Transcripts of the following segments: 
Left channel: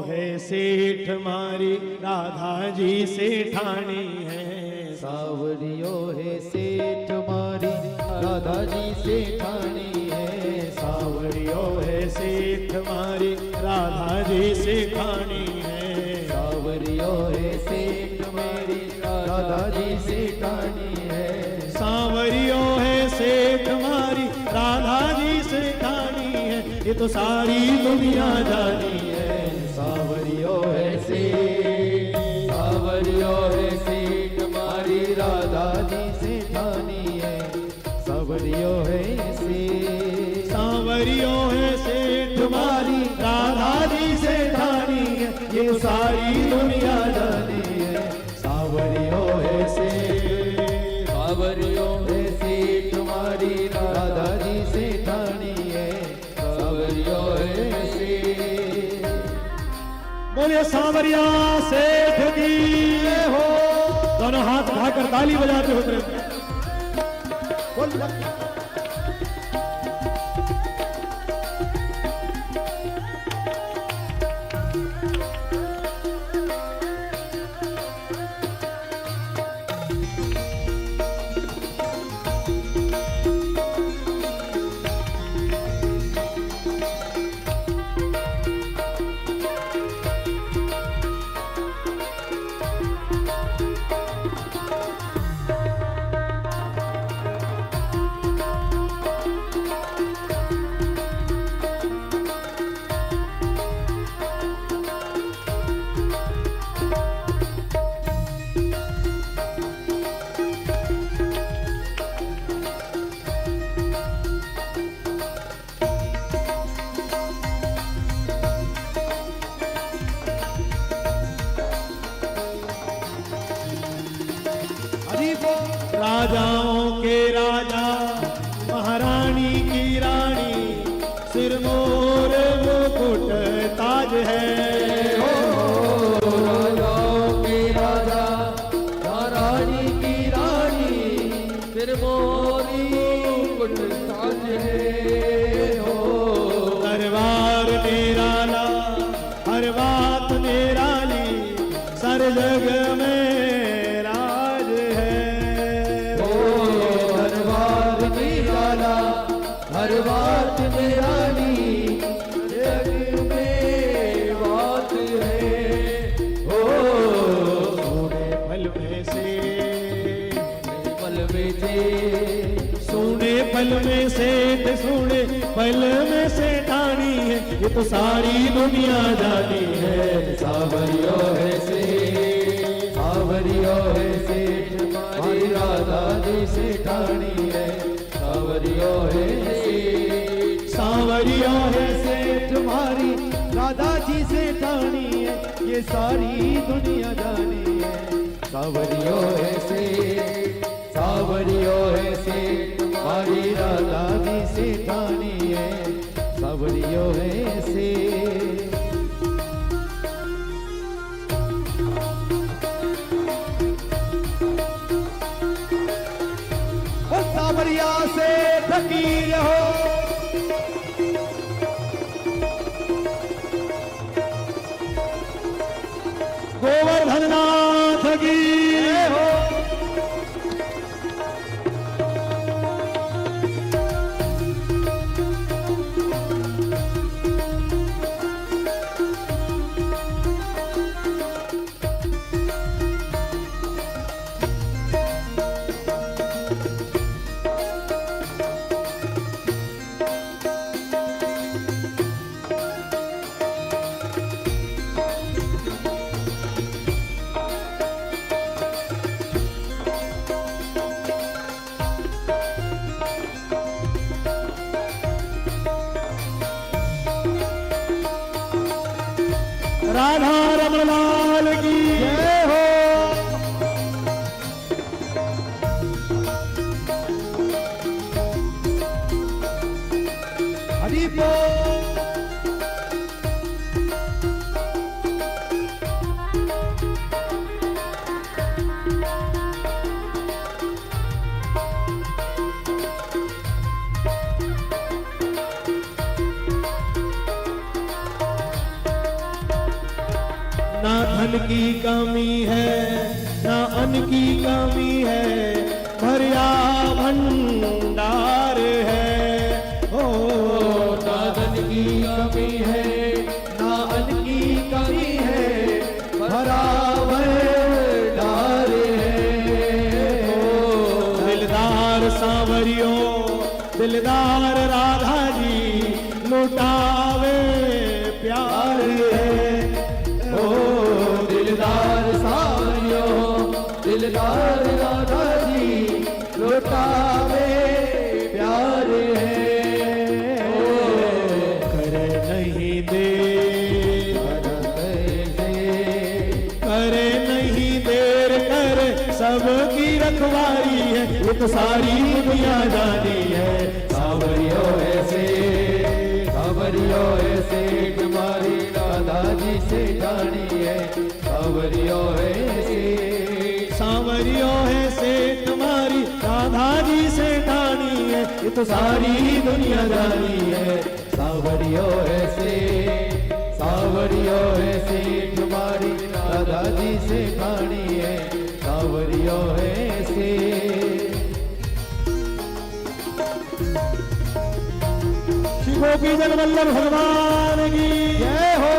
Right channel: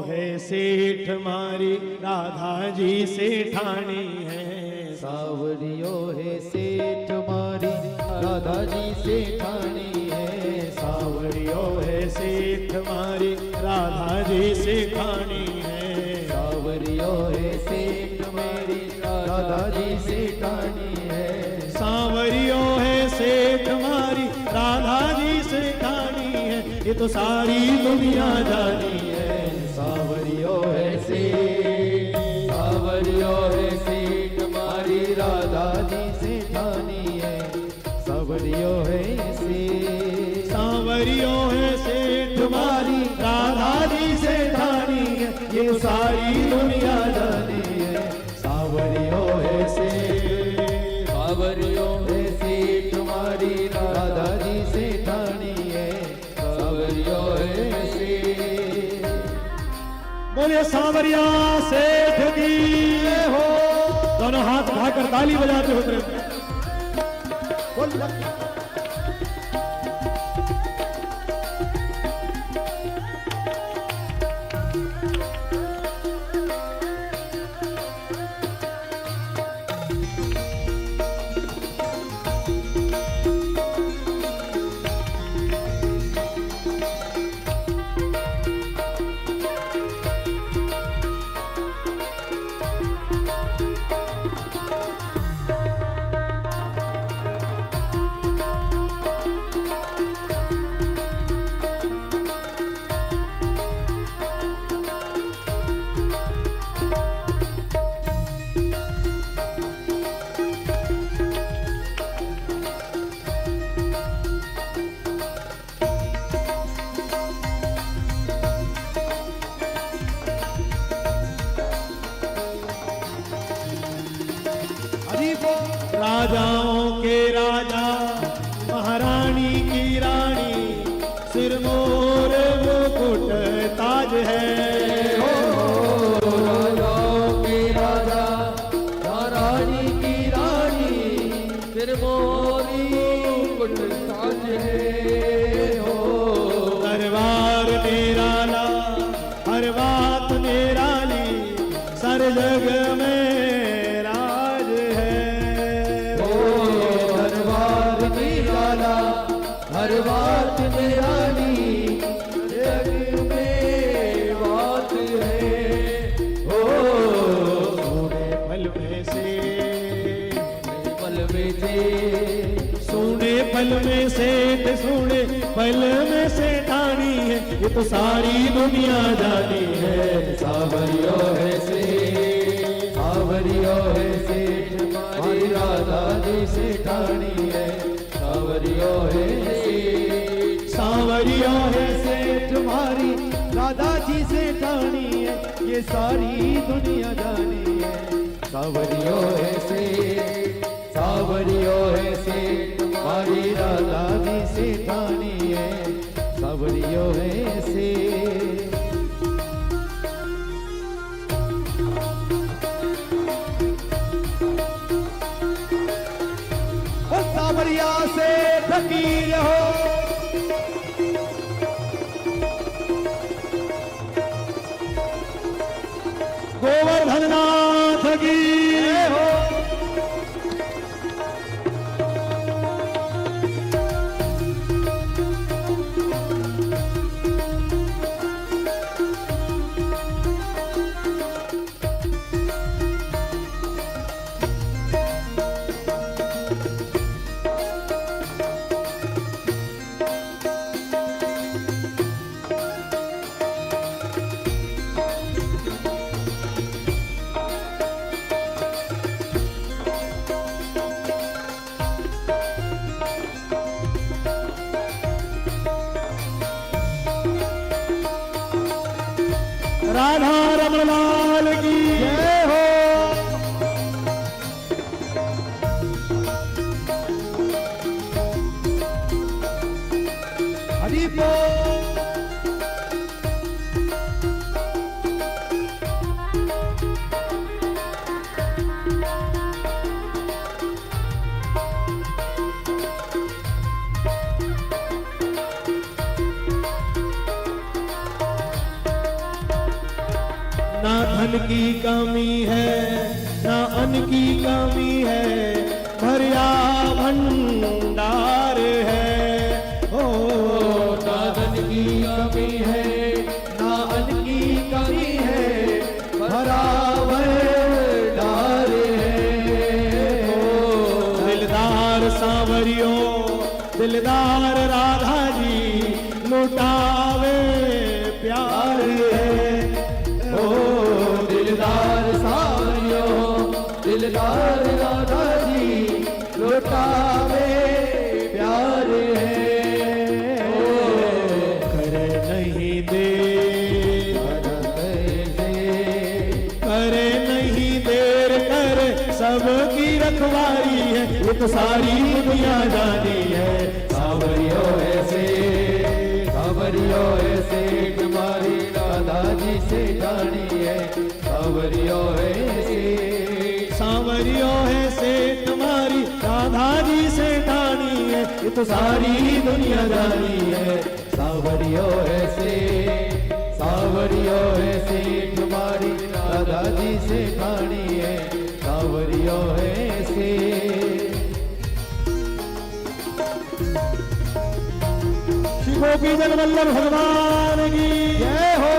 है सेठ मारी राधा जी सेठानी है। सावरियो है सेठ मारी राधा जी सेठानी है। सावरियो है सेठ मारी राधा जी सेठानी है। सावरियो है सेठ मारी राधा जी सेठानी है। सावरियो है सेठ मारी राधा जी सेठानी है। ये तो सारी दुनिया जानी है। सावरियो है सेठ, सावरियो है सेठ मारी राधा जी सेठानी है। सावरियो है सेठ, सावरियो है सेठ मारी राधा जी सेठानी है। ये सारी दुनिया जानी है। सावरियो है सेठ, सावरियो है सेठ मारी राधा जी सेठानी है। सावरियो है सेठ। बोले सावरिया सेठ की हो। दोनों हाथ उठाकर ताली बजाते हो प्रेम। राजाओं के राजा महारानी की रानी सिर मोर मुकुट ताज है। राजाओं के राजा महारानी की रानी सिर मोरी मुकुट ताज है। दरबार मेरा ला हर बात मेरा ली सर जग में राज है। हर बात मेरा जग में बात है। फल में से पल में से सोने फल में से सोने फल में से ठानी है। ये तो सारी दुनिया जानी है। सावरियो है सेठ, सावरियो है सेठ मारी राधा जी सेठानी है। सावरियो है सेठ, सावरिया है सेठ मारी राधा जी सेठानी है। ये सारी दुनिया जानी है। सावरियो है सेठ, सावरियो है सेठ मारी राधा जी सेठानी है। सावरियो है सेठ। सावरिया से फकीर हो। गोवर्धन नाथ फकीर हो। राधा रमलाल की जय हो। हरि बोल। ना धन की कमी है ना अन्न की कमी है, भरिया भंडार है। ओ ना धन की कमी है ना अन्न की कमी है, भरा भंडार है। दिलदार सांवरियो दिलदार राधा जी लुटावे प्यार है। ओ दिलदार सांवरियो दिलदार राधा जी लुटावे प्यार है। करे नहीं देर करे नहीं देर करे सबकी रखवारी है, ये तो सारी दुनिया जानी है। सावरियो ऐसे सावरियो ऐसे तुम्हारी राधा जी से जानी है। सावरियो ऐसे सांवरियो है से तुम्हारी राधा जी से ठानी है, ये तो सारी दुनिया जानी है। सावरियो ऐसे सावरियो ऐसे तुम्हारी राधा जी से खानी है। सावरियो ऐसे गोपी जगवल्लभ भगवान की जय हो।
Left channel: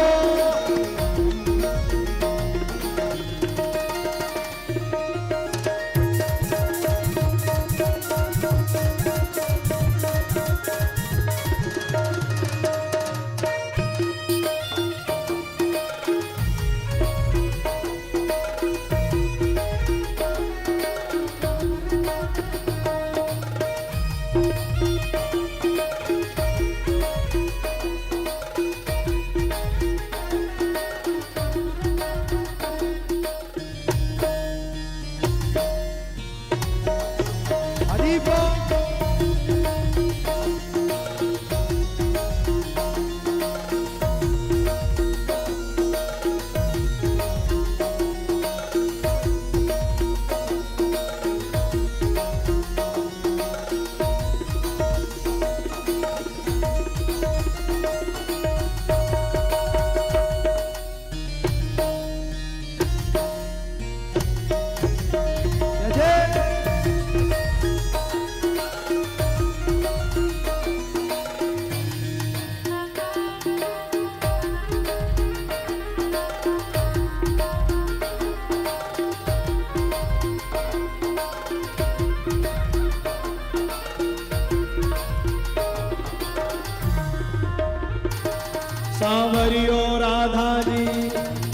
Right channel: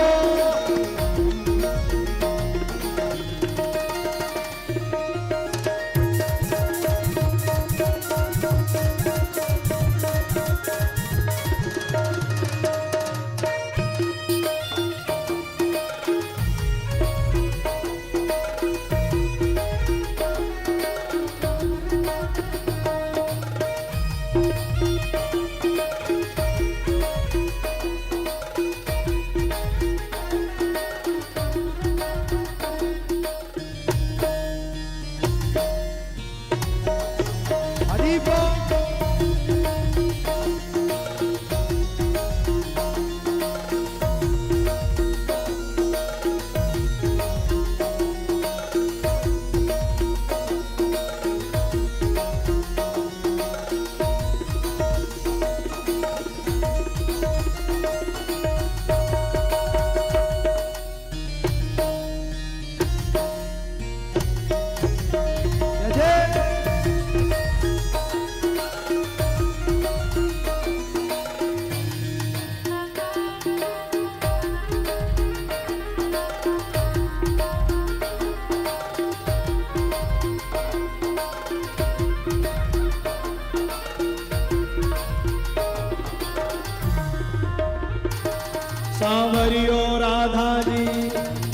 सांवरियो राधा जी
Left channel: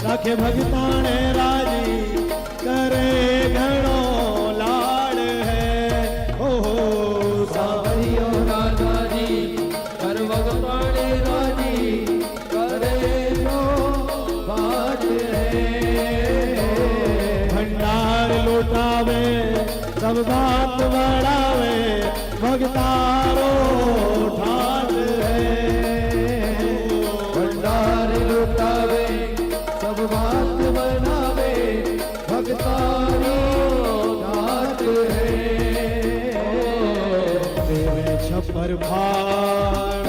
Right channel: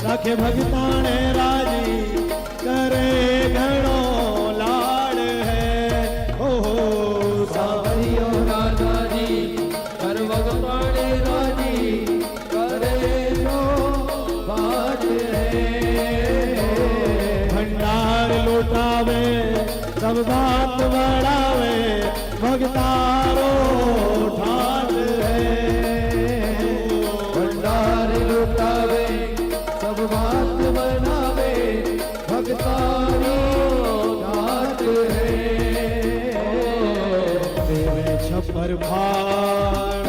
रखे भगतान राजी, करे घणो लाड है। ओ सांवरियो राधा जी कर भगतान राजी, करे जो बात है। भंडार लौटावे सब बात बढ़ावे, भगतारो ठाट है। छप्पर फाड़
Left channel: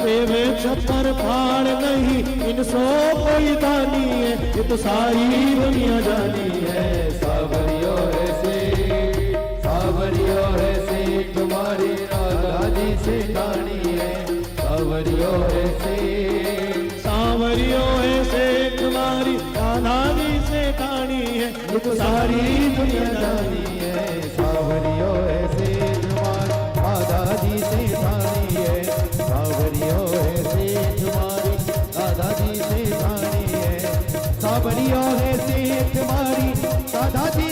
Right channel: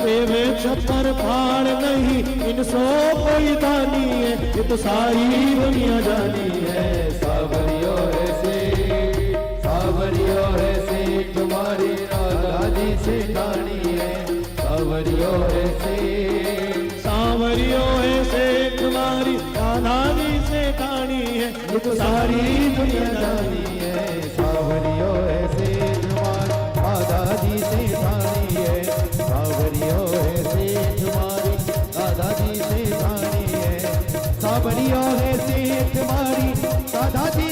देवे छप्पर फाड़ नहीं इनसो कोई दानी है, ये तो सारी दुनिया जानी है। सावरियो ऐसे तुम्हारी राधा जी से खानी है। सावरियो ऐसे तुम्हारी राधा जी से ठानी है, ये तो सारी दुनिया जानी है। सावरियो ऐसे तुम्हारी राधा जी से खानी है। सावरियो ऐसे तुम्हारी राधा जी से खानी है। सावरियो ऐसे तुम्हारी राधा जी